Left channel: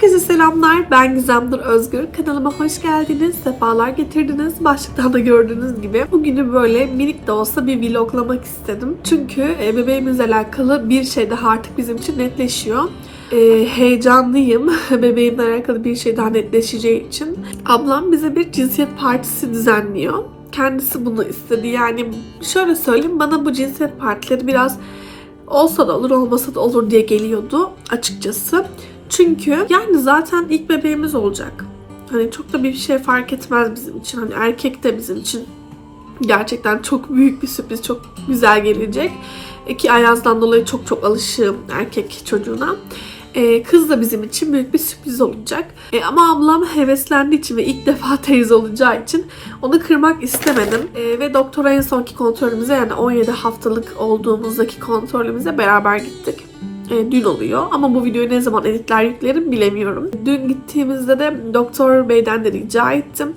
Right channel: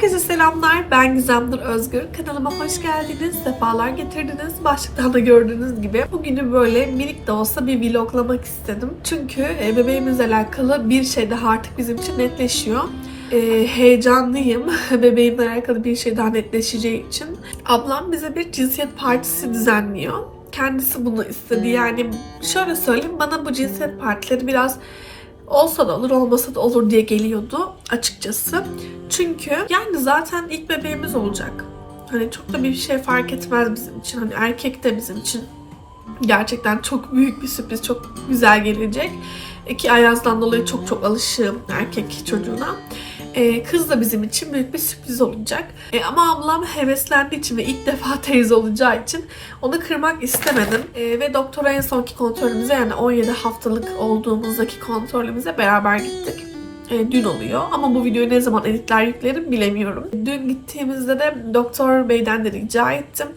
Herkese selamlar. Ben Gizemdir Özgür. Kanalıma hoş geldiniz. Sefalar getirdiniz. Başlıktan da gördüğünüz gibi. Bugünü böyle minik de olsa bir vloglamak istedim. Çünkü e, bebeğimizle alakalı bir şey daha artık bizim için netleşiyor. E, heyecanlıyım. Bebeğimle alakalı bir şey daha netleşeceği için. Ablam bize bir cinsiyet partisi düzenliyor. Kendisi bunu istedi. Yani şöyle söyleyeyim bana bu cinsiyet partileri biraz olsa da olur olmasa da olur diye geliyordu açıkçası. Çünkü yani zaten ilk bebeğimiz olacak. Hani çok da bir şey fark etmez bizim için. Hani erkek de bizim için gerçekten çok büyük bir sürpriz, çok güzel gelecek. E, Ki Ayaz'dan dolayı çok çok alışığım erkek çocuğuna. E, kız da bizim için büyük bir sürpriz olacak. E, ama ablam heveslendiği için ve ilk defa teyze olacağı için onu kırmak istemedim. E, ve doktora en sonki kontrolümüze yani 17 haftalık olduğumuzdaki kontrolümüze beraber gittik. E, dün oluyor ama bu videoyu ne zaman editler yüklerim bilemiyorum. Dün gittiğimizde de doktor beyden de rica ettim.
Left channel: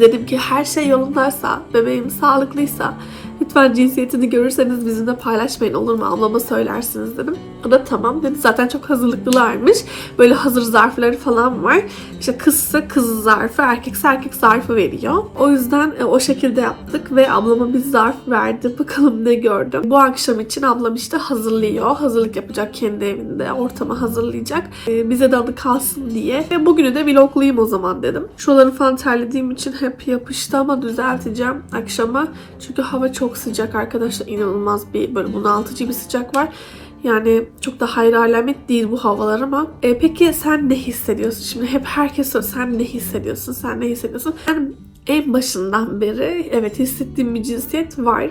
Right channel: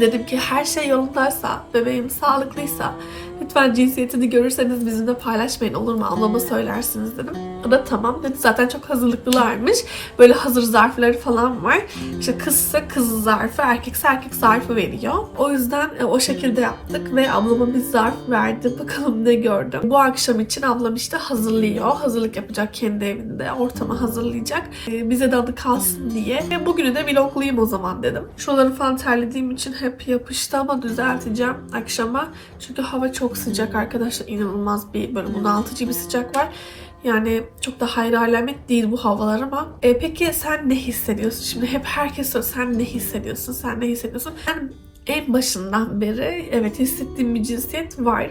Dedim ki her şey yolundaysa, bebeğim sağlıklıysa lütfen cinsiyetini görürseniz bizimle paylaşmayın olur mu? Ablama söylersiniz dedim. O da tamam dedi. Zaten çok hazırlıklılarmış. Böyle hazır zarfları falan var. İşte kızsa kız zarfı, erkekse erkek zarfı veriyor. O yüzden e, o şekilde yaptık ve ablama bir zarf verdi. Bakalım ne gördüm. Bu akşam için ablam işte hazırlıyor. Hazırlık yapacak kendi evinde. Ortamı hazırlayacak. E, bize de adı kalsın diye. Ve bugünü de vloglayayım o zaman dedim. Şuraları falan terlediğim için hep yapıştı ama düzelteceğim akşama. Çünkü hava çok sıcak arkadaşlar. İnanılmaz bir böyle bunaltıcı bir sıcak var. Yani çok da hayır alamet değil bu havalar ama. E, peki sen ne hissediyorsun? Şimdi hep herkes soruyor sen ne hissediyorsun? Sen ne hissediyorsun? Ben en başından beri evet hissettiğim bir cinsiyet var.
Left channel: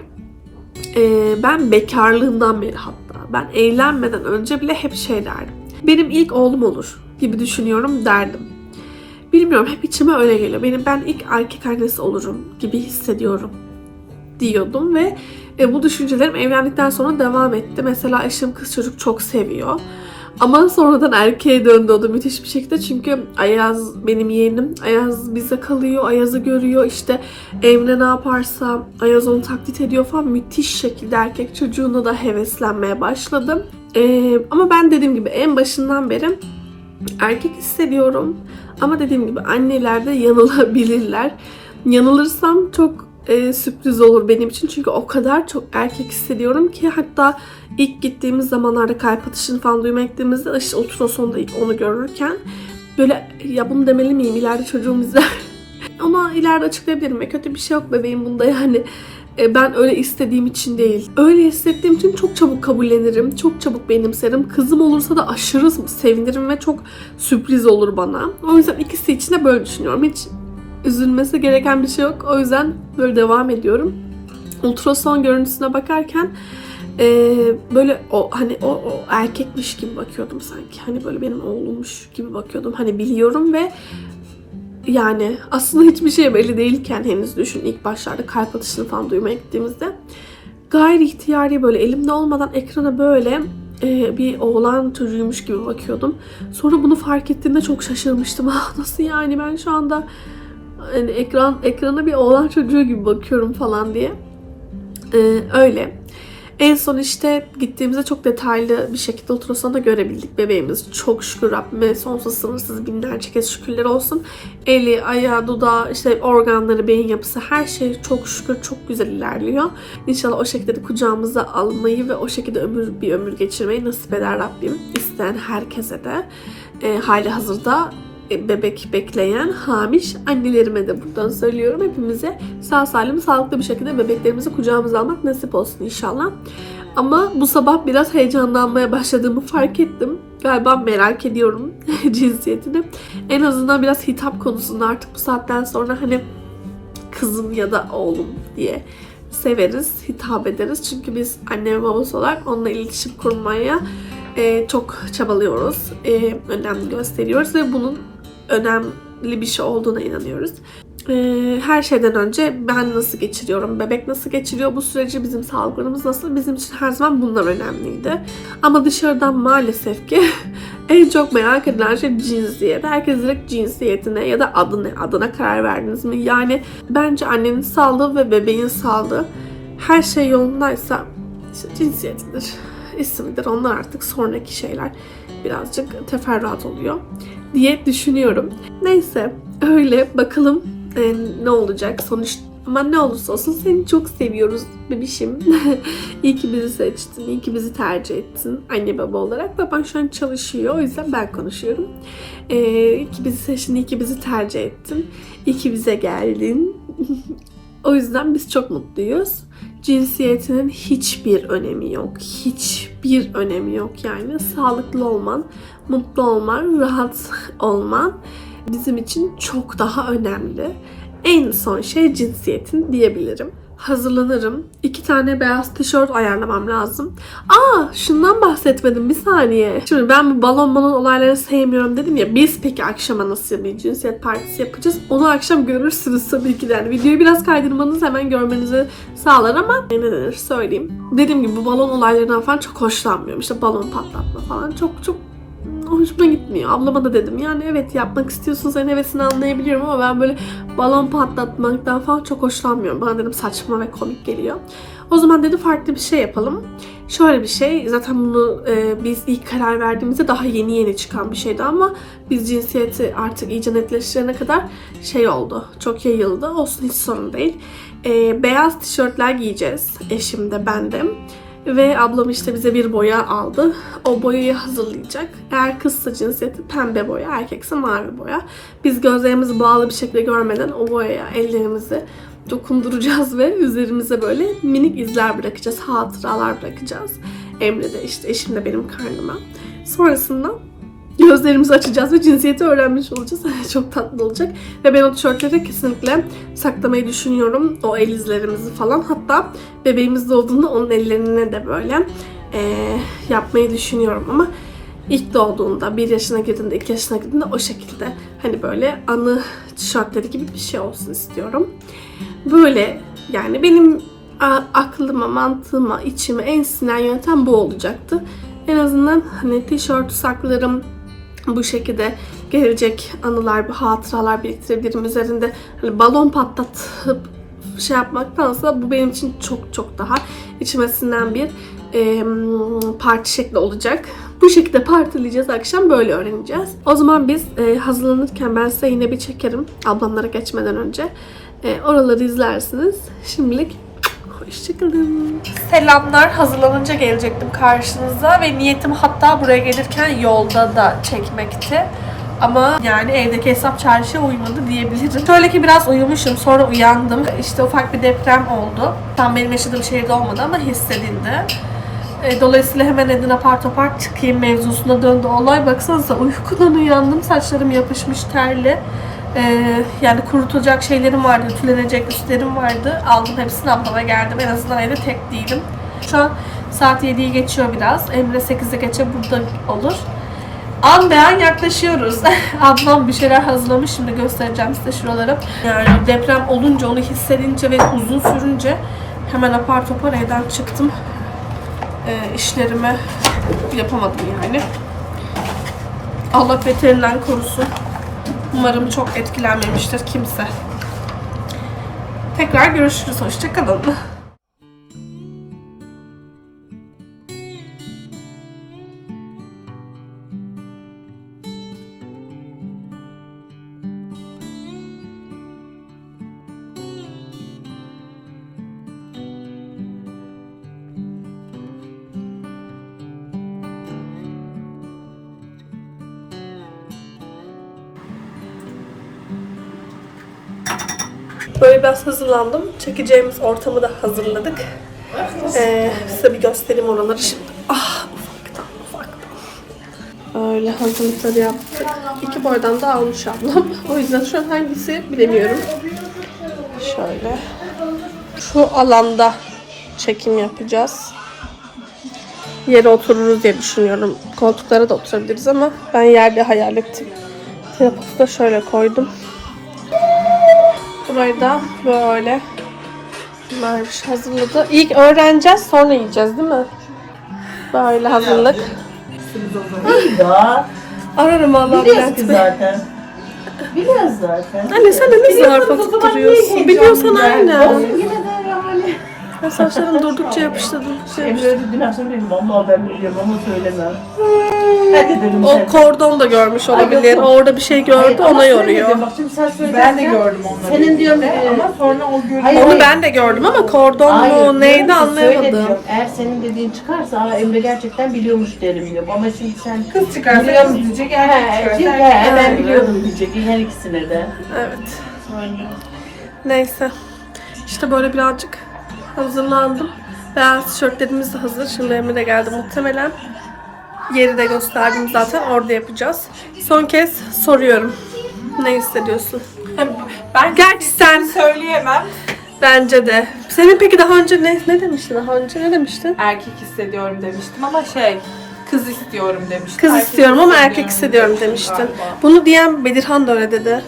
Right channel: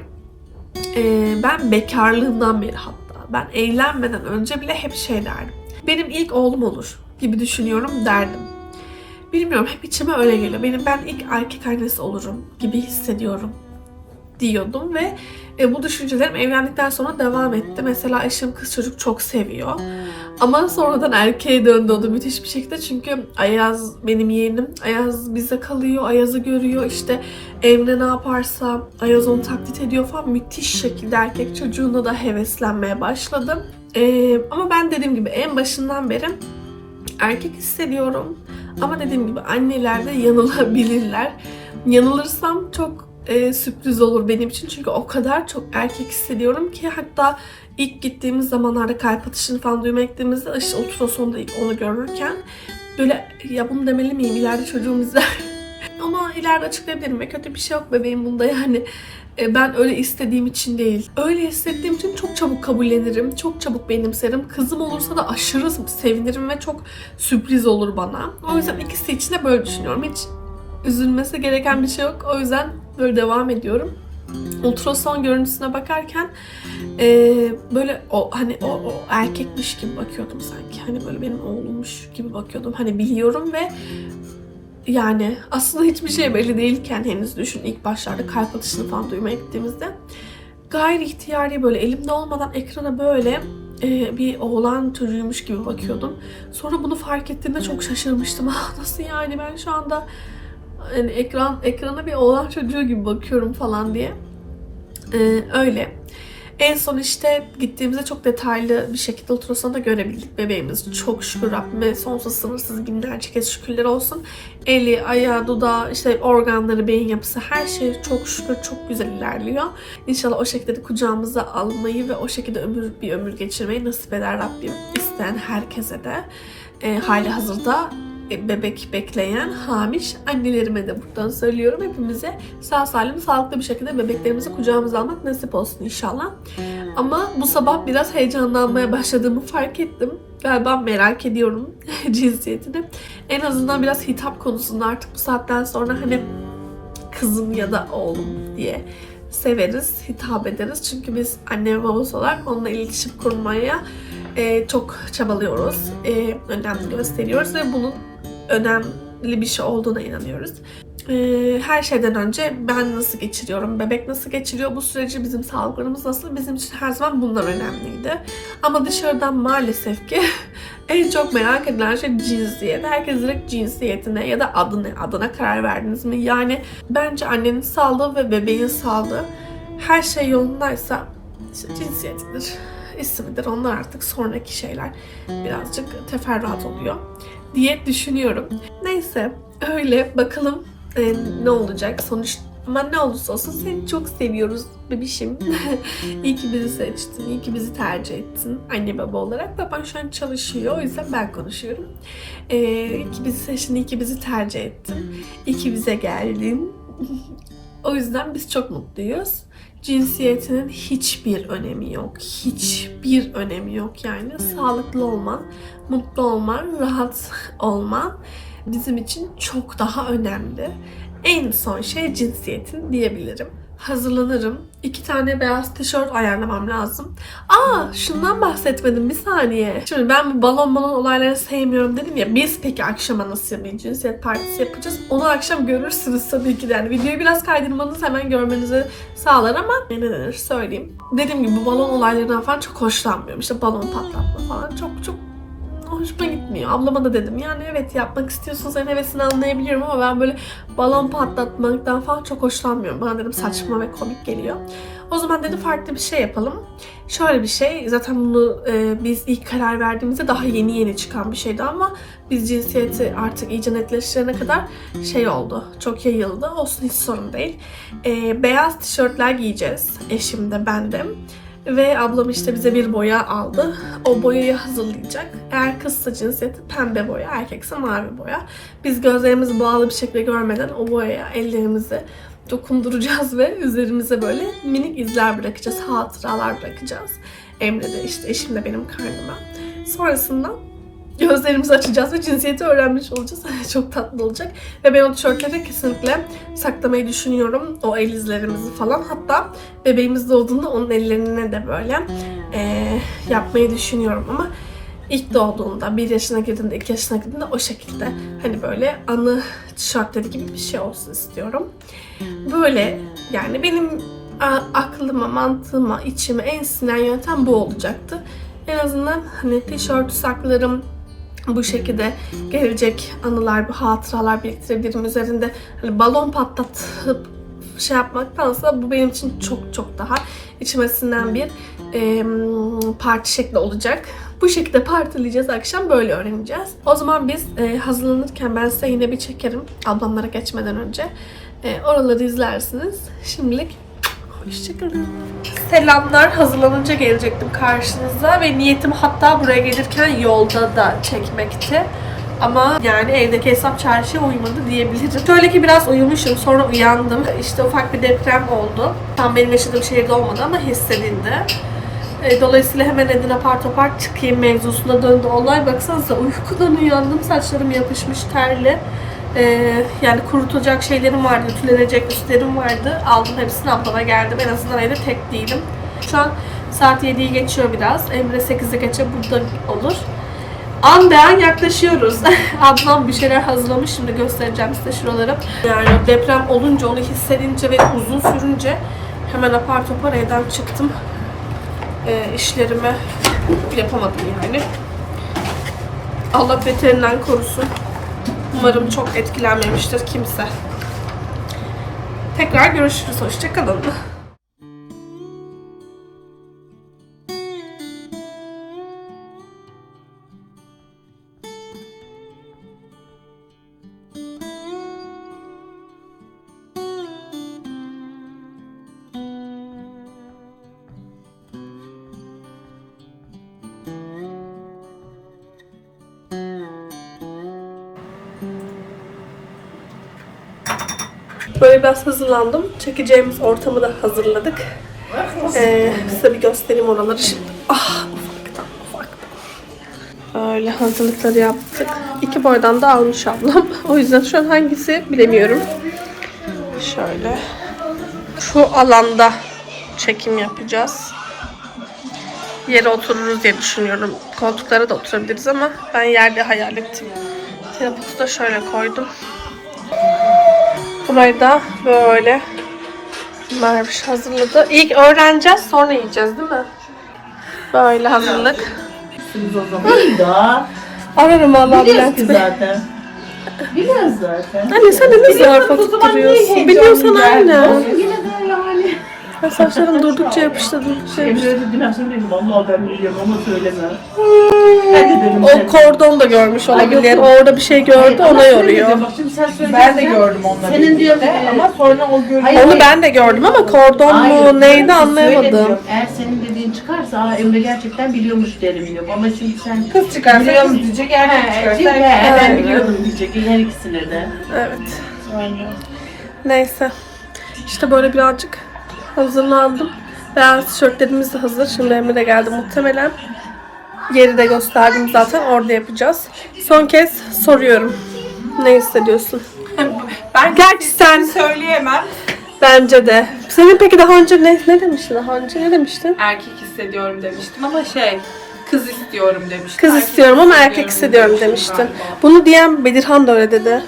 E, ben bekarlığımdan beri hatta. Ben evlenmeden önce bile hep şey derdim. Benim ilk oğlum olur gibi düşünüyorum derdim. Bilmiyorum hep içime öyle geliyor. Benim ben ilk erkek annesi olurum gibi hissediyorum diyordum ve e, bu düşüncelerim evlendikten sonra devam etti. Mesela eşim kız çocuk çok seviyor. Ama sonradan erkeğe döndü o da müthiş bir şekilde. Çünkü Ayaz benim yeğenim. Ayaz bize kalıyor. Ayaz'ı görüyor. İşte Emre ne yaparsa Ayaz onu taklit ediyor falan. Müthiş şekilde erkek çocuğuna da heveslenmeye başladım. E, ama ben dediğim gibi en başından beri erkek hissediyorum. Ama dediğim gibi anneler de yanılabilirler. Yanılırsam çok e, sürpriz olur benim için. Çünkü o kadar çok erkek hissediyorum ki hatta ilk gittiğimiz zamanlarda kalp atışını falan duymak gittiğimizde işte ultrasonda onu görürken böyle ya bunu demeli miyim ileride çocuğum izler. Ama ileride açıklayabilirim ve kötü bir şey yok bebeğim bunda yani. E, Ben öyle istediğim için değil. Öyle hissettiğim için çok çabuk kabullenirim. Çok çabuk benimserim. Kızım olursa da aşırı sevinirim ve çok sürpriz olur bana. O yüzden ikisi için de böyle düşünüyorum. Hiç üzülmesi gereken bir şey yok. O yüzden böyle devam ediyorum. Ultrason görüntüsüne bakarken e, böyle o hani o, o erkekmiş gibi bakıyordum sanki. Hani böyle benim oğlummuş gibi bakıyordum. Hani biliyorum ve yani aslında hiçbir şey belli değilken henüz düşün ilk başlarda kalp atışını falan duymaya gittiğimizde gayri ihtiyari böyle elimde olmadan ekrana böyle e, bir oğlan çocuğuymuş gibi bakıyordum. Sonra bunu fark ettiğimde çok şaşırmıştım. Ah nasıl yani ben şu anda hani ekran ekrana bir oğlan çocuğu gibi bakıyorum falan diye. Ee, öyle. En son işte gittiğimizde çok detaylı bir şekilde ultrasonda görebildik bebeğimiz. Çok şükür Rabbime sonsuz sınırsız binlerce kez şükürler olsun. Eli, ayağı, dudağı, işte organları, beyin yapısı her şey çok şükür çok güzel ilerliyor. İnşallah o şekilde de kucağımıza almayı ve o şekilde ömür bir ömür geçirmeyi nasip eder Rabbim. İsteyen herkese de e, hali hazırda bebek bekleyen hamiş annelerime de buradan söylüyorum. Hepimize sağ salim sağlıklı bir şekilde bebeklerimizi kucağımıza almak nasip olsun inşallah. Ama bu sabah biraz heyecanlanmaya başladığımı fark ettim. Galiba merak ediyorum cinsiyetini. En azından biraz hitap konusunda artık bu saatten sonra hani kızım ya da oğlum diye severiz, hitap ederiz. Çünkü biz anne ve babası olarak onunla iletişim kurmaya e, çok çabalıyoruz. E, önem gösteriyoruz ve bunun önemli bir şey olduğuna inanıyoruz. Ee, her şeyden önce ben nasıl geçiriyorum, bebek nasıl geçiriyor, bu süreci bizim sağlıklarımız nasıl, bizim için her zaman bunlar önemliydi. Ama dışarıdan maalesef ki en çok merak edilen şey cinsiyet. Herkes direkt cinsiyetine ya da adı ne, adına karar verdiniz mi? Yani bence annenin sağlığı ve bebeğin sağlığı her şey yolundaysa işte cinsiyetidir. ismidir. Onlar artık sonraki şeyler. Birazcık teferruat oluyor diye düşünüyorum. Neyse öyle bakalım e, ne olacak sonuç ama ne olursa olsun seni çok seviyoruz bebişim. iyi ki bizi seçtin, iyi ki bizi tercih ettin anne baba olarak. Baban şu an çalışıyor o yüzden ben konuşuyorum. Ee, iyi ki bizi seçtin, iyi ki bizi tercih ettin. İyi ki bize geldin. o yüzden biz çok mutluyuz. Cinsiyetinin hiçbir önemi yok. Hiçbir önemi yok yani. Sağlıklı olman, mutlu olman, rahat olman bizim için çok daha önemli. En son şey cinsiyetin diyebilirim. Hazırlanırım. İki tane beyaz tişört ayarlamam lazım. Aa şundan bahsetmedim bir saniye. Şimdi ben bu balon balon olaylarını sevmiyorum dedim ya. Biz peki akşama nasıl bir cinsiyet partisi yapacağız? Onu akşam görürsünüz tabii ki. Yani videoyu biraz kaydırmanız hemen görmenizi sağlar ama ne denir söyleyeyim. Dediğim gibi bu balon olaylarından falan çok hoşlanmıyorum. İşte balon patlatma falan çok çok hoşuma gitmiyor. Ablama da dedim yani evet yapmak istiyorsun senin hevesini anlayabiliyorum ama ben böyle balon patlatmaktan falan çok hoşlanmıyorum. Bana dedim saçma ve komik geliyor. O zaman dedi farklı bir şey yapalım. Şöyle bir şey zaten bunu e, biz ilk karar verdiğimizde daha yeni yeni çıkan bir şeydi ama biz cinsiyeti artık iyice netleştirene kadar şey oldu. Çok yayıldı. Olsun hiç sorun değil. E, beyaz tişörtler giyeceğiz. Eşim de ben de. Ve ablam işte bize bir boya aldı. O boyayı hazırlayacak. Eğer kızsa cinsiyeti pembe boya, erkekse mavi boya. Biz gözlerimizi bağlı bir şekilde görmeden o boyaya ellerimizi dokunduracağız ve üzerimize böyle minik izler bırakacağız, hatıralar bırakacağız. Emre de işte eşim de benim karnıma. Sonrasında gözlerimizi açacağız ve cinsiyeti öğrenmiş olacağız. Çok tatlı olacak. Ve ben o tişörtleri kesinlikle saklamayı düşünüyorum. O el izlerimizi falan. Hatta bebeğimiz doğduğunda onun ellerine de böyle eee, yapmayı düşünüyorum ama ilk doğduğunda, bir yaşına girdiğinde, iki yaşına girdiğinde o şekilde hani böyle anı tişörtleri gibi bir şey olsun istiyorum. Böyle yani benim aklıma, mantığıma, içime en sinen yöntem bu olacaktı. En azından hani tişört saklarım, bu şekilde gelecek anılar, bu hatıralar biriktirebilirim üzerinde. Hani balon patlatıp şey yapmaktansa bu benim için çok çok daha içime sinen bir e, parti şekli olacak. Bu şekilde partileyeceğiz akşam böyle öğreneceğiz. O zaman biz e, hazırlanırken ben size yine bir çekerim ablamlara geçmeden önce. E, oraları izlersiniz. Şimdilik Hoşçakalın. Selamlar. Hazırlanınca gelecektim karşınıza ve niyetim hatta buraya gelirken yolda da çekmekti. Ama yani evdeki hesap çarşıya uymadı diyebilirim. Şöyle ki biraz uyumuşum sonra uyandım. İşte ufak bir deprem oldu. Tam benim yaşadığım şehirde olmadı ama hissedildi. E, Dolayısıyla hemen edin apar topar çıkayım mevzusuna döndü olay. Baksanıza uykudan uyandım. Saçlarım yapışmış terli. E, yani kurutulacak şeylerim vardı, ütülenecek üstlerim vardı. Aldım hepsini ablama geldim. En azından evde tek değilim. Şu an saat 7'yi geçiyor biraz. Emre 8'e geçe burada olur. An be an yaklaşıyoruz. Ablam bir şeyler hazırlamış şimdi göstereceğim size şuraları. Yani deprem olunca onu hissedince ve uzun sürünce hemen apar topar evden çıktım. E, işlerimi yapamadım yani. Allah beterinden korusun. Umarım çok etkilenmemiştir kimse. Tekrar görüşürüz. Hoşçakalın. Biraz hazırlandım. Çekeceğimiz ortamı da hazırladık. Ee, size bir göstereyim oraları şimdi. Ah ufaktan ufaktan. Öyle hazırlıkları yaptık. İki boydan da almış ablam. O yüzden şu an hangisi bilemiyorum. Şöyle. Şu alanda çekim yapacağız. Yere otururuz diye düşünüyorum. Koltuklara da oturabiliriz ama ben yerde hayal ettim. Telefotu da şöyle koydum. Burayı da böyle Merviş hazırladı. İlk öğreneceğiz sonra yiyeceğiz değil mi? Böyle hazırlık. Daha Ararım Allah Bülent Bey. zaten. Biliyoruz zaten. Anne sen de ne zarfa tutturuyorsun? Biliyorsan aynen. Yine. Ben saçlarım durdukça yapıştı durdukça yapıştı. Emre'ye dedim ben söyledim. Vallahi ben biliyorum ama söyleme. Ben de dedim O kordon da görmüş olabilir. O orada bir şey gördü ona yoruyor. Ben de gördüm onları. Senin diyorum ama sonra o görüyor. Onu ben de gördüm ama kordon mu neydi anlayamadım. Eğer senin dediğin çıkarsa ama Emre gerçekten biliyormuş derim diyor. Ama şimdi sen Kız çıkarsa Biliyor kız musun? diyecek, erkek çıkarsa erkek. ben biliyordum diyecek her ikisine de. Evet. Neyse. İşte böyle birazcık hazırlandım. Beyaz tişörtlerimiz de hazır. Şimdi Emre de geldi muhtemelen. Yeri de gösterdim zaten. Orada yapacağız. Son kez soruyorum. Ne hissediyorsun? Ben Gerçi sen söyleyemem. bence de. Senin peki daha önce ne, ne demiştin daha önce? Ne demiştin? Erkek hissediyorum demiştim ama şey kız istiyorum demiştim. Kız Erkek istiyorum ama erkek hissediyorum demiştin. galiba. Bunu diyen Bedirhan da öyle dedi.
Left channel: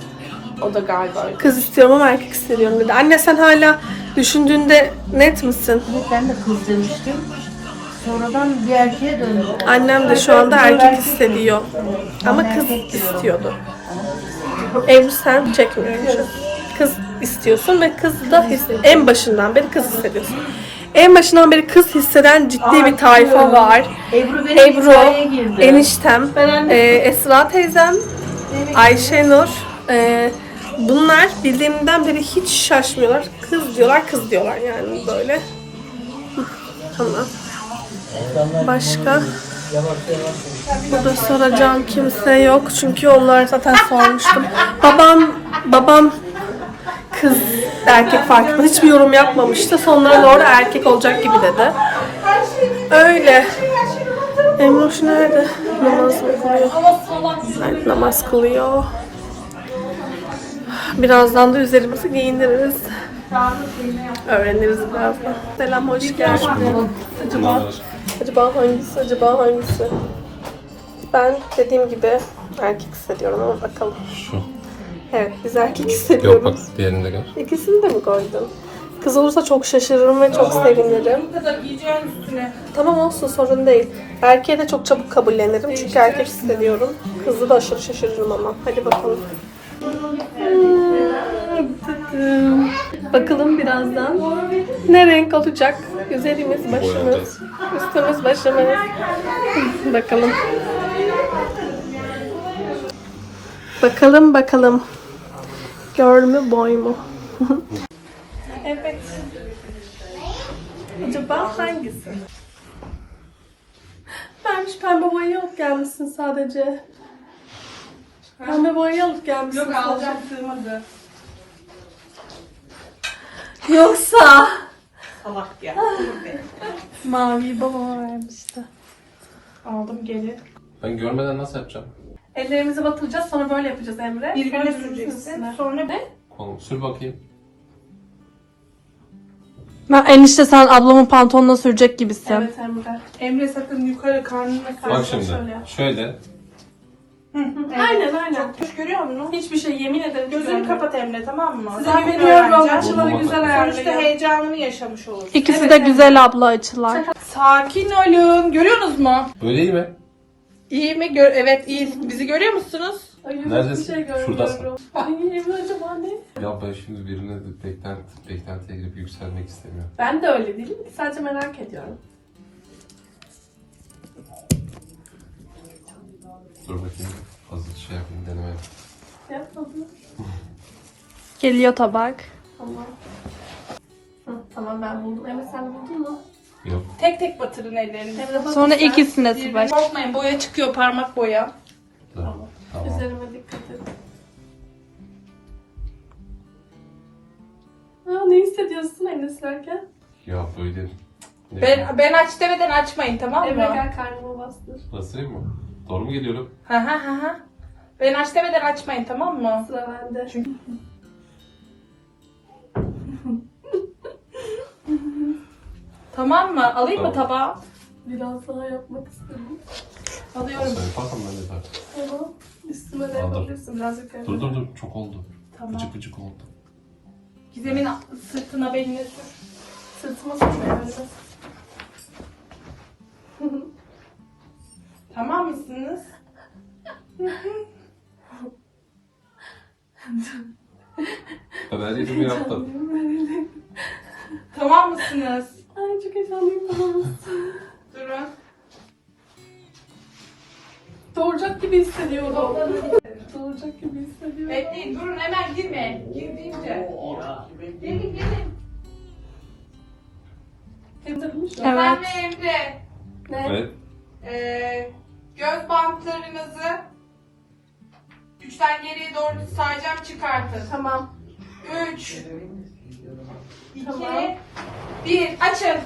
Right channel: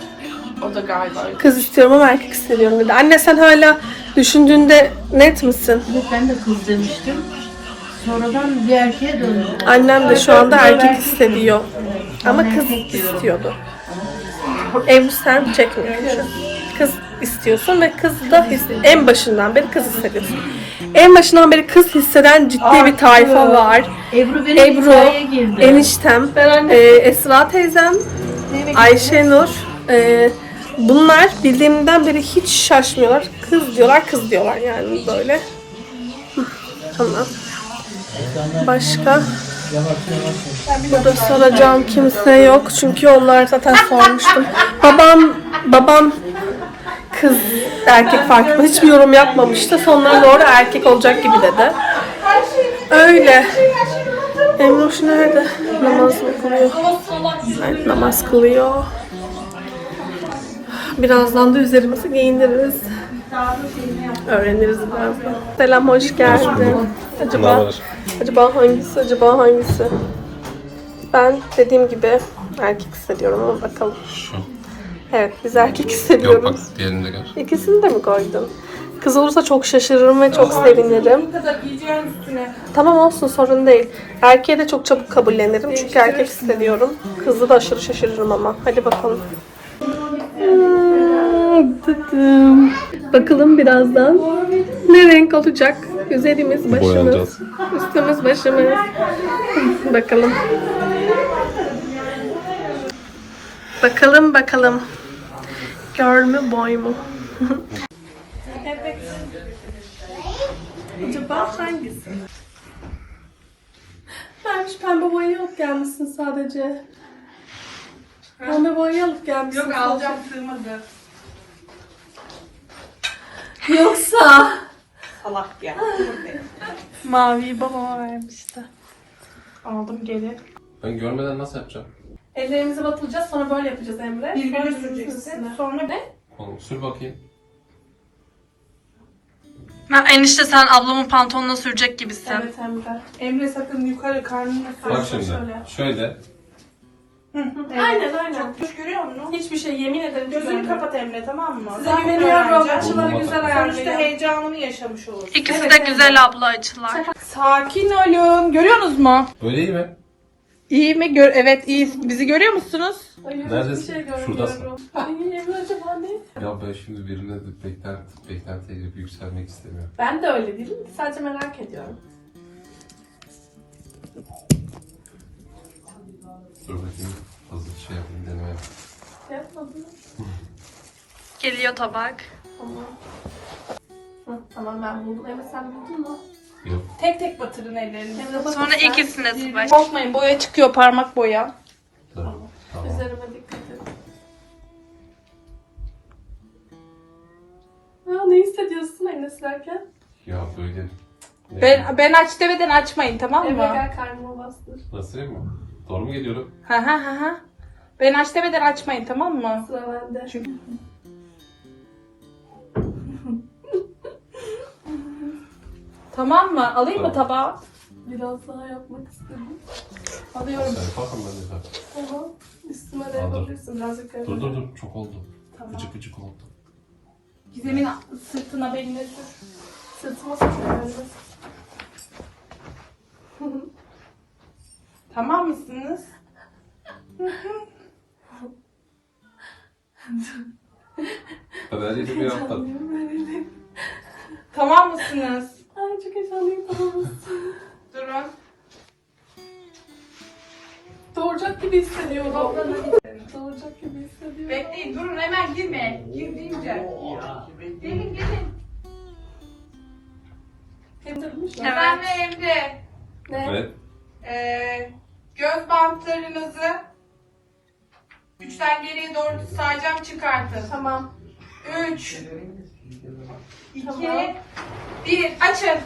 O da galiba. Kız istiyorum ama erkek hissediyorum dedi. Anne sen hala düşündüğünde net misin? Evet, ben de kız demiştim. Sonradan bir erkeğe döndüm. Annem de şu anda erkek hissediyor. Ama kız istiyordu. Ebru sen çekmiyorsun. Kız istiyorsun ve kız da his- en başından beri kız hissediyorsun. En başından beri kız hisseden ciddi bir tayfa var. Ebru benim Ebru, hikayeye girdi. eniştem, e, Esra teyzem, Ayşenur. E, bunlar bildiğimden beri hiç şaşmıyorlar. Kız diyorlar, kız diyorlar yani böyle. Tamam. Başka? Burada soracağım kimse yok çünkü onlar zaten sormuştum. Babam, babam kız erkek farklı hiçbir yorum yapmamıştı. Sonlara doğru erkek olacak gibi dedi. Öyle. Emoş nerede? Namaz mı kılıyor? Evet, namaz kılıyor. Birazdan da üzerimizi giyindiririz. Öğreniriz birazdan. Selam, hoş geldin. Acaba, acaba hangisi, acaba hangisi? Ben dediğim gibi erkek hissediyorum ama bakalım. Şu. Evet, biz erkek Yok bak hissediyoruz. diğerini de gör. İkisini de mi koydun? Kız olursa çok şaşırırım ve çok sevinirim. Bu kadar giyeceğin üstüne. Tamam olsun sorun değil. Erkeğe de çok çabuk kabullenirim çünkü erkek hissediyorum. Kızı da aşırı şaşırırım ama. Hadi bakalım. Bakalım birazdan ne renk olacak? Üzerimiz, başımız, üstümüz, başımız. bakalım. Bakalım bakalım. Girl mü boy mu? evet. Acaba hangisi? Ben şu pembe boyayı alıp gelmişsin sadece. Pembe boyayı alıp gelmişsin Yok alacağım sığmadı. Yoksa Allah ya. maviyi babama vermişti. Aldım geri. Ben görmeden nasıl yapacağım? Ellerimizi batıracağız sonra böyle yapacağız Emre. Birbirine Sonra süreceksin. üstüne. Sonra ne? Oğlum sür bakayım. Ha, enişte sen ablamın pantolonuna sürecek gibisin. Evet Emre. Emre sakın yukarı karnına Bak sür. şimdi. şöyle yap. Şöyle. Aynen aynen. Düş görüyor musun? Hiçbir şey yemin ederim. Gözünü kapat Emre tamam mı? Size Zaten güveniyorum. öğreneceğim. Açıları güzel Sonuçta heyecanını yaşamış olursun. İkisi de güzel abla açılar. Sakin olun. Görüyorsunuz mu? Böyle iyi mi? İyi mi? Gör evet iyi. Bizi görüyor musunuz? Neredesin? şey görmüyorum. Şuradasın. Ay Emre acaba ne? Ya ben şimdi birine de beklenti, beklentiye girip yükselmek istemiyorum. Ben de öyle değilim. Sadece merak ediyorum. Dur bakayım. Fazla şey yapayım deneme yap. Yapmadım. Geliyor tabak. Tamam. Hı, tamam ben buldum. Emre sen buldun mu? Yok. Tek tek batırın. Emre bak Sonra sen. ikisine tabak. Korkmayın boya çıkıyor parmak boya. Dur. Tamam. Üzerime dikkat et. Aa, ne hissediyorsun Emre silerken? Ya böyle. Ne? Ben, ben aç demeden açmayın tamam mı? Emre gel karnıma bastır. Nasıl mı? Doğru mu geliyorum? Hı hı hı hı. Ben aç demeden açmayın tamam mı? Sıra bende. Tamam mı? Alayım mı Tamam. tabağı? Biraz daha yapmak istedim. Alıyorum. Sen yaparsan ben de yaparım. Tamam. Üstüme de Aldım. yapabilirsin. Birazcık Dur yapalım. dur dur. Çok oldu. Tamam. Gıcık gıcık oldu. Gizem'in sırtına beline sür. Sırtıma sıçrayalım. Tamam mısınız? Ben her yerimi yaptım. Tamam mısınız? Ay çok heyecanlıyım. Tamam. Durun. Doğuracak gibi hissediyorum. Doğuracak gibi hissediyorum. Bekleyin durun hemen girme. Gir deyince. Gelin gelin. Emzirmiş mi? Ömer ve Emre. Ne? Evet. Ee, göz bantlarınızı üçten geriye doğru sayacağım çıkartın. Tamam. Üç. İki. Tamam. Bir. Açın.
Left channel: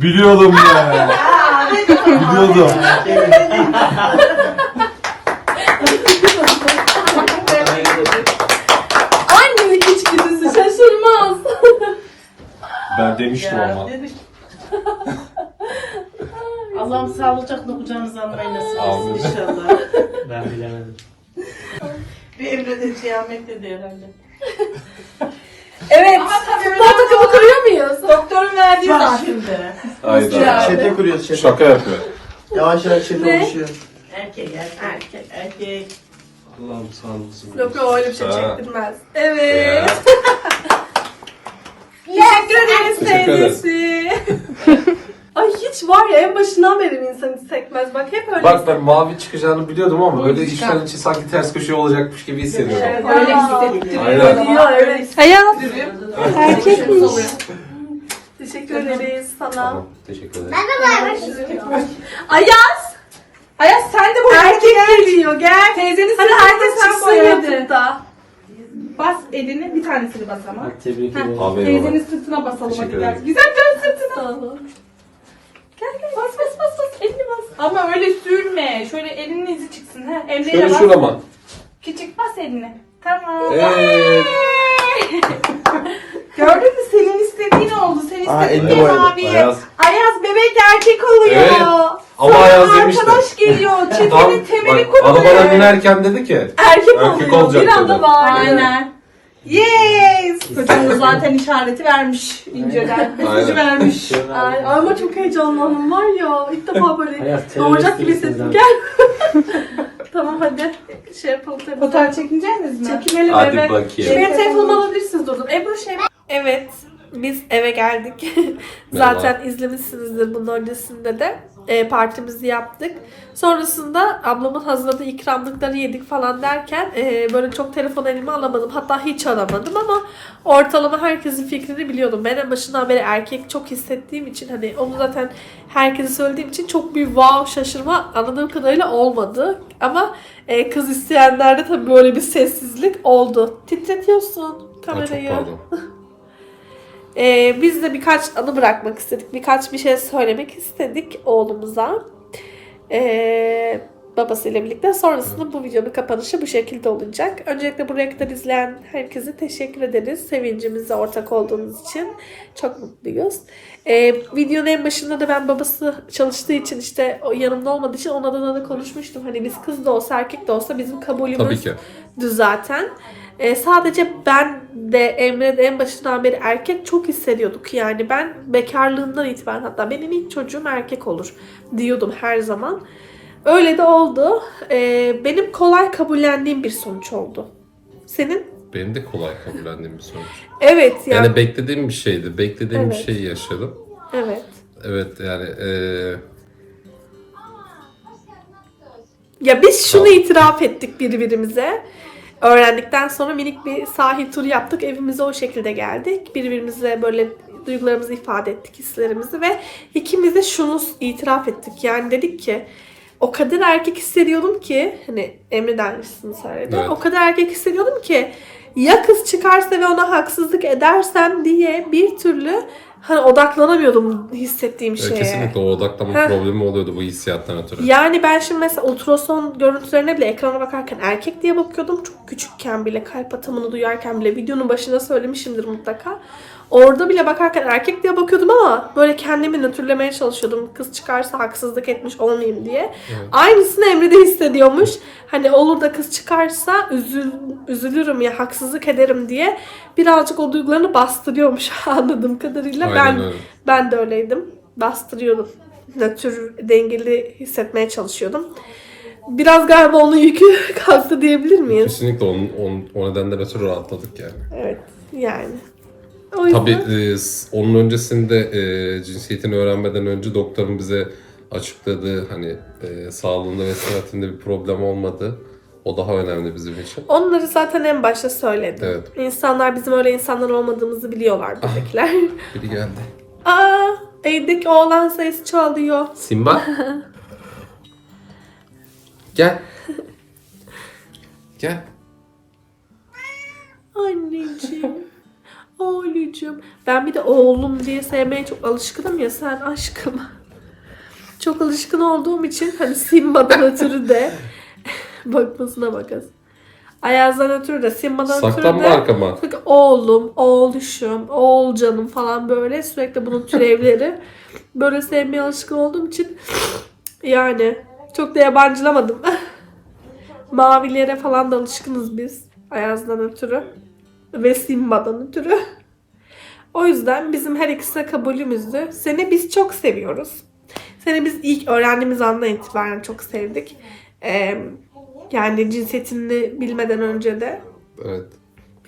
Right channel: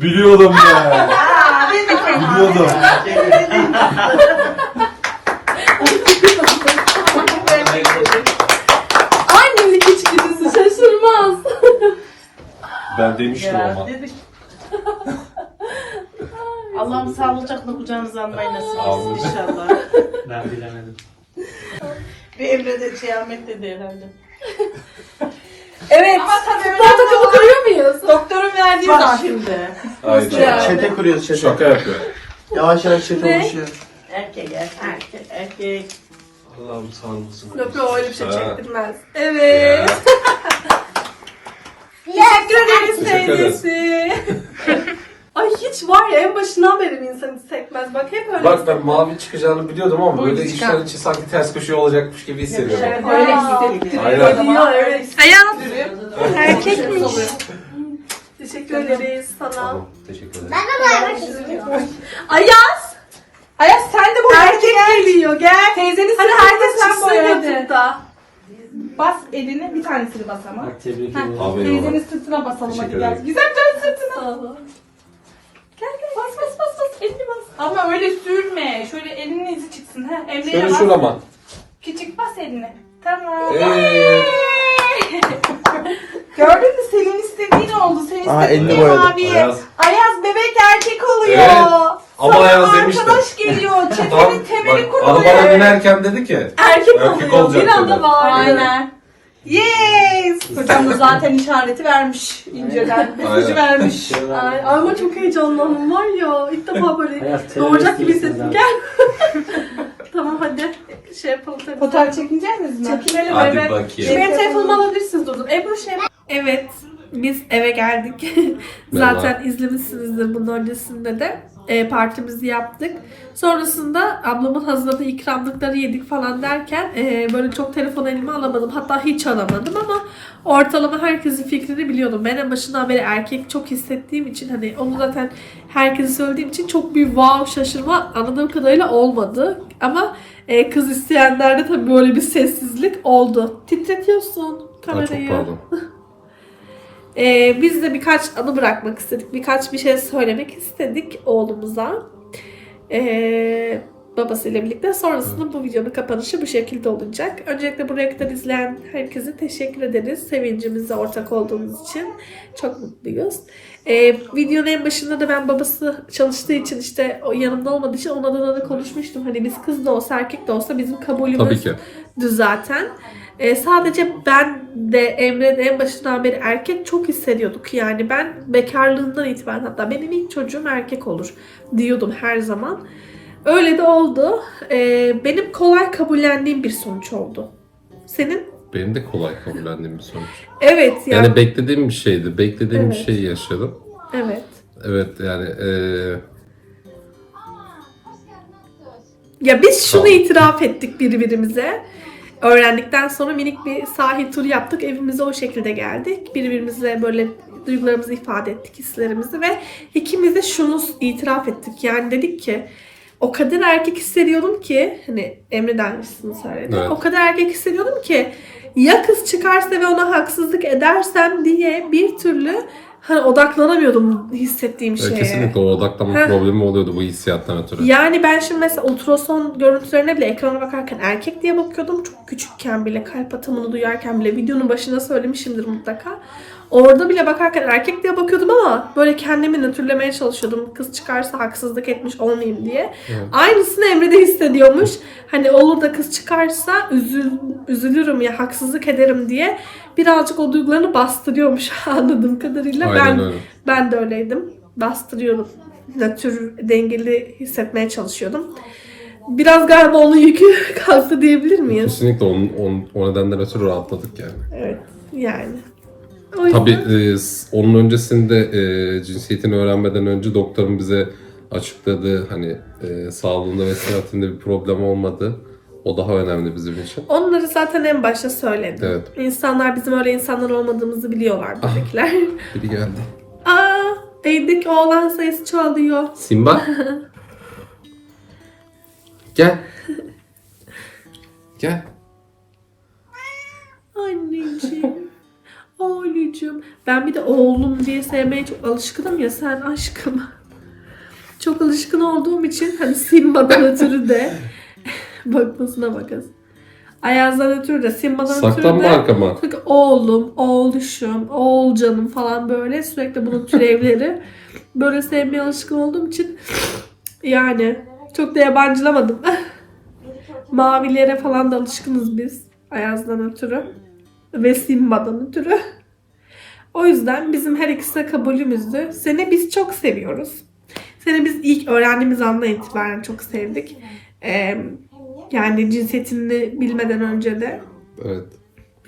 Biliyordum ya. Biliyordum. Annelik içgüdüsü şaşırmaz. Ben demiştim ama. Allah'ım sağlıcakla kucağınıza almayı nasip Amin. etsin inşallah. Ben bilemedim. Bir Emre de kıyamet dedi herhalde. Evet. Ama tabii Futbol takımı kuruyor muyuz? doktorun verdiği Bak şimdi. Hayda. Çete kuruyoruz çete. Şaka yapıyor. Yavaş yavaş çete Ne? oluşuyor. Erkek erkek erkek. Allah'ım sağ olasın. Yok yok öyle bir şey Ha. çektirmez. Evet. Ya. Teşekkür ederiz Teşekkür ederim. teyzesi. Ay hiç var ya en başından beri insan hiç sekmez. Bak hep öyle. Bak ben mavi çıkacağını biliyordum ama böyle içten içe sanki ters köşe olacakmış gibi hissediyordum. Evet, Öyle Aa. hissettiriyor. Aynen. Ya, evet. Hayat. Erkekmiş. Teşekkür ederiz sana. Tamam, teşekkür ederim. Ayaz. Ayaz sen de bu Erkek geliyor gel. Teyzenin Hadi sırtına herkes sen çıksın boyadın. YouTube'da. Bas elini bir tanesini bas ama. Bak tebrik ederim. Aferin Teyzenin sırtına basalım hadi Teşekkür gel. ederim. Güzel can sırtına. Gel gel bas bas bas bas elini bas. Ama öyle sürme. Şöyle elinin izi çıksın. Ha? Emre'ye Şöyle bas. şuna bak. Küçük bas elini. Tamam. Evet. Gördün mü senin istediğin oldu. Senin Aa, istediğin elini abiye. Ayaz. Ayaz bebek erkek oluyor. Evet. Ama Sana Ayaz demiştim. arkadaş geliyor. Tam Çetenin temeli bak arabaya kuruluyor. binerken dedi ki Erkek, Erkek oluyor. olacak Bir anda dedi. bağırdı. Aynen. Yes! Hocam da zaten işareti vermiş inceden. Mesajı vermiş. Ay, ama çok heyecanlandım var ya. İlk defa böyle Hayat doğacak gibi terörist hissettim. Gel. tamam hadi. Şey yapalım tabii. Fotoğraf çekineceğiniz mi? Çekinelim hadi evet. bakayım. Benim telefonumu alabilirsiniz durdum. Ebru şey... Evet. Biz eve geldik. Zaten izlemişsinizdir bunun öncesinde de. E, partimizi yaptık. Sonrasında ablamın hazırladığı ikramlıkları yedik falan derken e, böyle çok telefon elime alamadım. Hatta hiç aramadım ama ortalama herkesin fikrini biliyordum. Ben en başından beri erkek çok hissettiğim için hani onu zaten herkese söylediğim için çok bir wow şaşırma anladığım kadarıyla olmadı. Ama e, kız isteyenlerde tabii böyle bir sessizlik oldu. Titretiyorsun Ha, çok kamerayı. pardon. Ee, biz de birkaç anı bırakmak istedik. Birkaç bir şey söylemek istedik oğlumuza. Ee, babasıyla birlikte. Sonrasında bu videonun kapanışı bu şekilde olacak. Öncelikle buraya kadar izleyen herkese teşekkür ederiz. Sevincimize ortak olduğunuz için. Çok mutluyuz. Ee, videonun en başında da ben babası çalıştığı için işte o yanımda olmadığı için ona da, da konuşmuştum. Hani biz kız da olsa erkek de olsa bizim kabulümüz Tabii ki. zaten. Ee, sadece ben de Emre de en başından beri erkek çok hissediyorduk. Yani ben bekarlığından itibaren hatta benim ilk çocuğum erkek olur diyordum her zaman. Öyle de oldu. Ee, benim kolay kabullendiğim bir sonuç oldu. Senin? Benim de kolay kabullendiğim bir sonuç. Evet yani. Yani beklediğim bir şeydi. Beklediğim bir Evet. şeyi yaşadım. evet. Evet yani eee Ya biz şunu Tamam. itiraf ettik birbirimize. Öğrendikten sonra minik bir sahil turu yaptık. Evimize o şekilde geldik. Birbirimize böyle duygularımızı ifade ettik, hislerimizi ve ikimiz de şunu itiraf ettik. Yani dedik ki o kadar erkek hissediyordum ki hani Emre dermişsin söyledi. Evet. O kadar erkek hissediyordum ki ya kız çıkarsa ve ona haksızlık edersem diye bir türlü hani odaklanamıyordum hissettiğim şeye. kesinlikle o odaklama Heh. problemi oluyordu bu hissiyattan ötürü. Yani ben şimdi mesela ultrason görüntülerine bile ekrana bakarken erkek diye bakıyordum. Çok küçükken bile kalp atımını duyarken bile videonun başında söylemişimdir mutlaka. Orada bile bakarken erkek diye bakıyordum ama böyle kendimi nötrlemeye çalışıyordum. Kız çıkarsa haksızlık etmiş olmayayım diye. Evet. Aynısını Emre de hissediyormuş. Hani olur da kız çıkarsa üzül, üzülürüm ya haksızlık ederim diye birazcık o duygularını bastırıyormuş anladığım kadarıyla. Aynen ben öyle. ben de öyleydim. Bastırıyordum. Nötr dengeli hissetmeye çalışıyordum. Biraz galiba onun yükü kalktı diyebilir miyiz? Kesinlikle onun, onun, o nedenden ötürü rahatladık yani. Evet. Yani. O yüzden- Tabii e, onun öncesinde e, cinsiyetini öğrenmeden önce doktorun bize açıkladığı hani e, sağlığında ve sıhhatinde bir problem olmadı. O daha önemli bizim için. Onları zaten en başta söyledim. Evet. İnsanlar bizim öyle insanlar olmadığımızı biliyorlar bebekler. Biri geldi. Aa, evdeki oğlan sayısı çoğalıyor. Simba. Gel. Gel. Anneciğim. Anneciğim. Ben bir de oğlum diye sevmeye çok alışkınım ya sen aşkım. Çok alışkın olduğum için hani Simba'dan ötürü de bakmasına bakın. Ayaz'dan ötürü de Simba'dan ötürü Saklanma de arkama. Oğlum, oğluşum, oğulcanım falan böyle sürekli bunun türevleri. böyle sevmeye alışkın olduğum için yani çok da yabancılamadım. Mavilere falan da alışkınız biz. Ayaz'dan ötürü. Ve Simba'dan ötürü. O yüzden bizim her ikisine kabulümüzdü. Seni biz çok seviyoruz. Seni biz ilk öğrendiğimiz andan itibaren çok sevdik. Ee, yani cinsiyetini bilmeden önce de. Evet.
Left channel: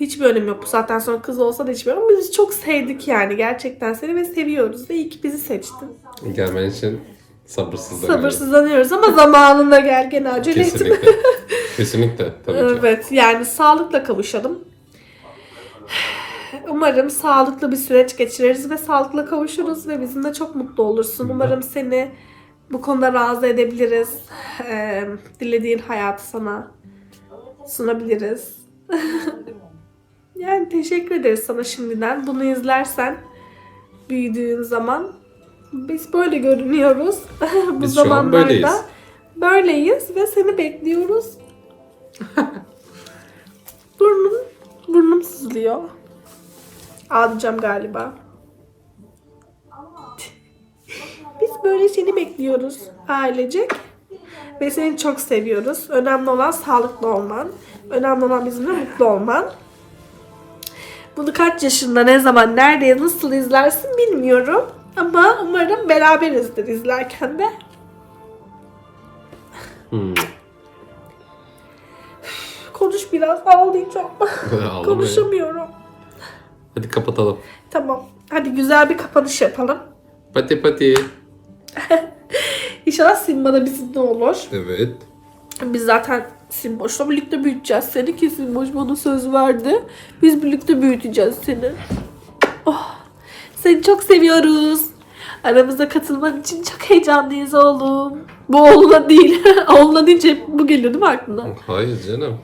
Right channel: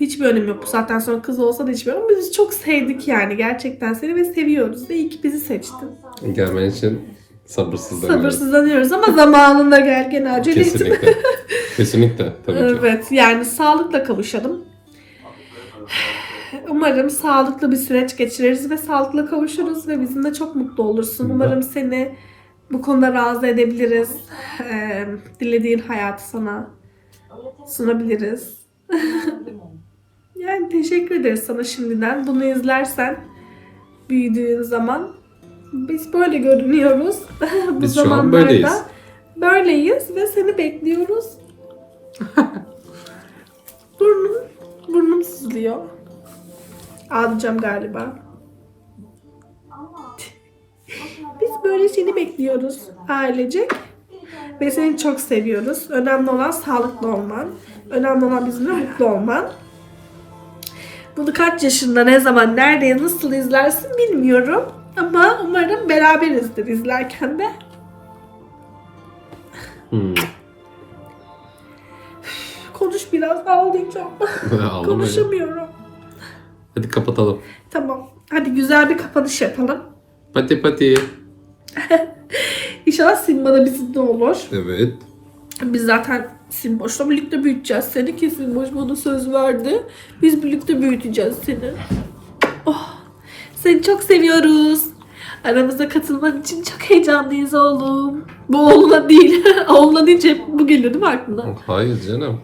Hiçbir önemi yok. Bu saatten sonra kız olsa da hiçbir önemi yok. Ama Biz çok sevdik yani. Gerçekten seni ve seviyoruz. Ve iyi ki bizi seçtin. Gelmen için sabırsızlanıyorum. Sabırsızlanıyoruz ama zamanında gel gene acele etme. Kesinlikle. Kesinlikle tabii ki. Evet yani sağlıkla kavuşalım. Umarım sağlıklı bir süreç geçiririz ve sağlıklı kavuşuruz ve bizimle çok mutlu olursun. Umarım seni bu konuda razı edebiliriz. Ee, dilediğin hayatı sana sunabiliriz. yani teşekkür ederiz sana şimdiden. Bunu izlersen büyüdüğün zaman biz böyle görünüyoruz. bu Biz şu an böyleyiz. Böyleyiz ve seni bekliyoruz. burnum, burnum sızlıyor. Ağlayacağım galiba. Biz böyle seni bekliyoruz ailecek. Ve seni çok seviyoruz. Önemli olan sağlıklı olman. Önemli olan bizimle mutlu olman. Bunu kaç yaşında, ne zaman, nerede, nasıl izlersin bilmiyorum. Ama umarım beraberizdir izlerken de. Hmm. Konuş biraz ağlayacağım. Konuşamıyorum. Hadi kapatalım. Tamam. Hadi güzel bir kapanış yapalım. Pati pati. İnşallah Simba da bizimle olur. Evet. Biz zaten Simboş'la birlikte büyüteceğiz seni ki Simboş bana söz verdi. Biz birlikte büyüteceğiz seni. Oh, seni çok seviyoruz. Aramıza katılman için çok heyecanlıyız oğlum. Bu oğluna değil. oğluna deyince bu geliyor değil mi aklına? Hayır canım.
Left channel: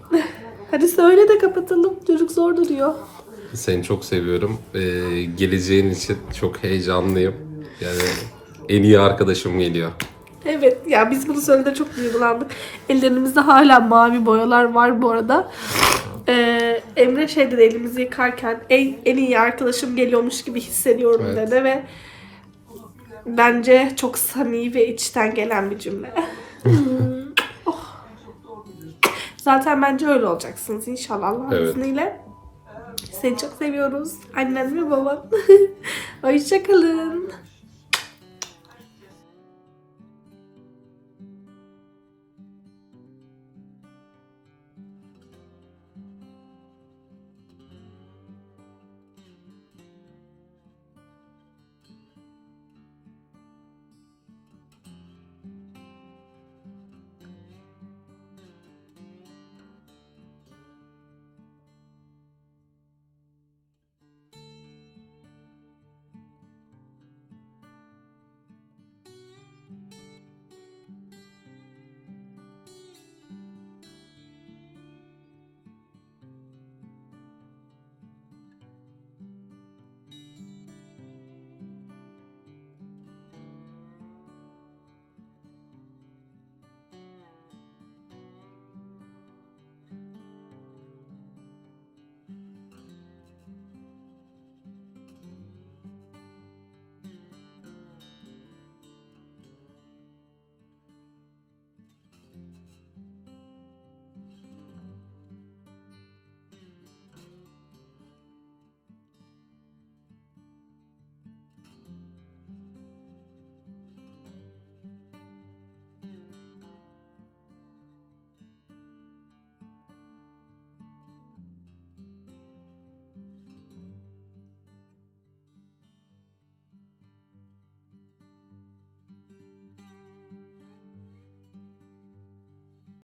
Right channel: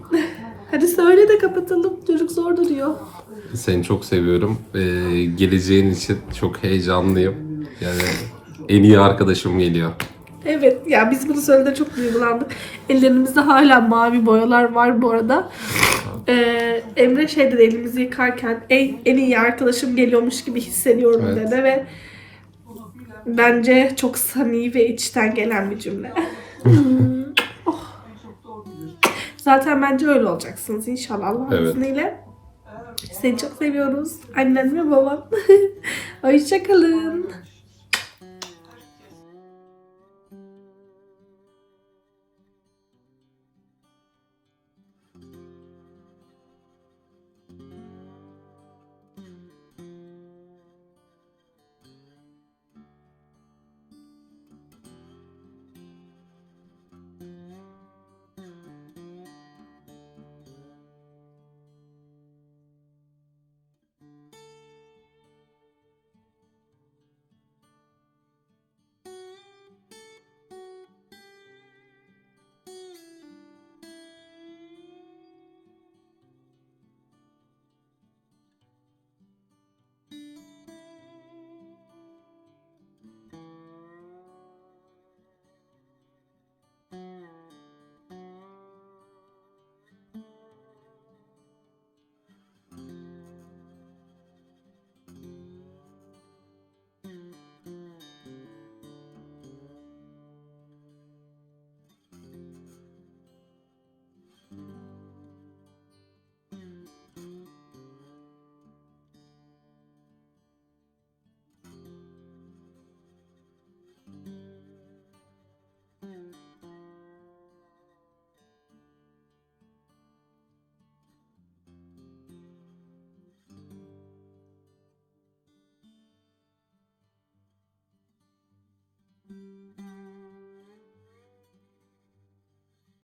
Hadi söyle de kapatalım. Çocuk zor duruyor. Seni çok seviyorum. Ee, geleceğin için çok heyecanlıyım. Yani en iyi arkadaşım geliyor. Evet ya biz bunu söylediğinde çok duygulandık. Ellerimizde hala mavi boyalar var bu arada. Ee, Emre şey dedi elimizi yıkarken en, en iyi arkadaşım geliyormuş gibi hissediyorum Evet. dedi ve bence çok samimi ve içten gelen bir cümle. Oh. Zaten bence öyle olacaksınız inşallah Allah'ın Evet. izniyle. Seni çok seviyoruz. Annen ve baban. Hoşçakalın.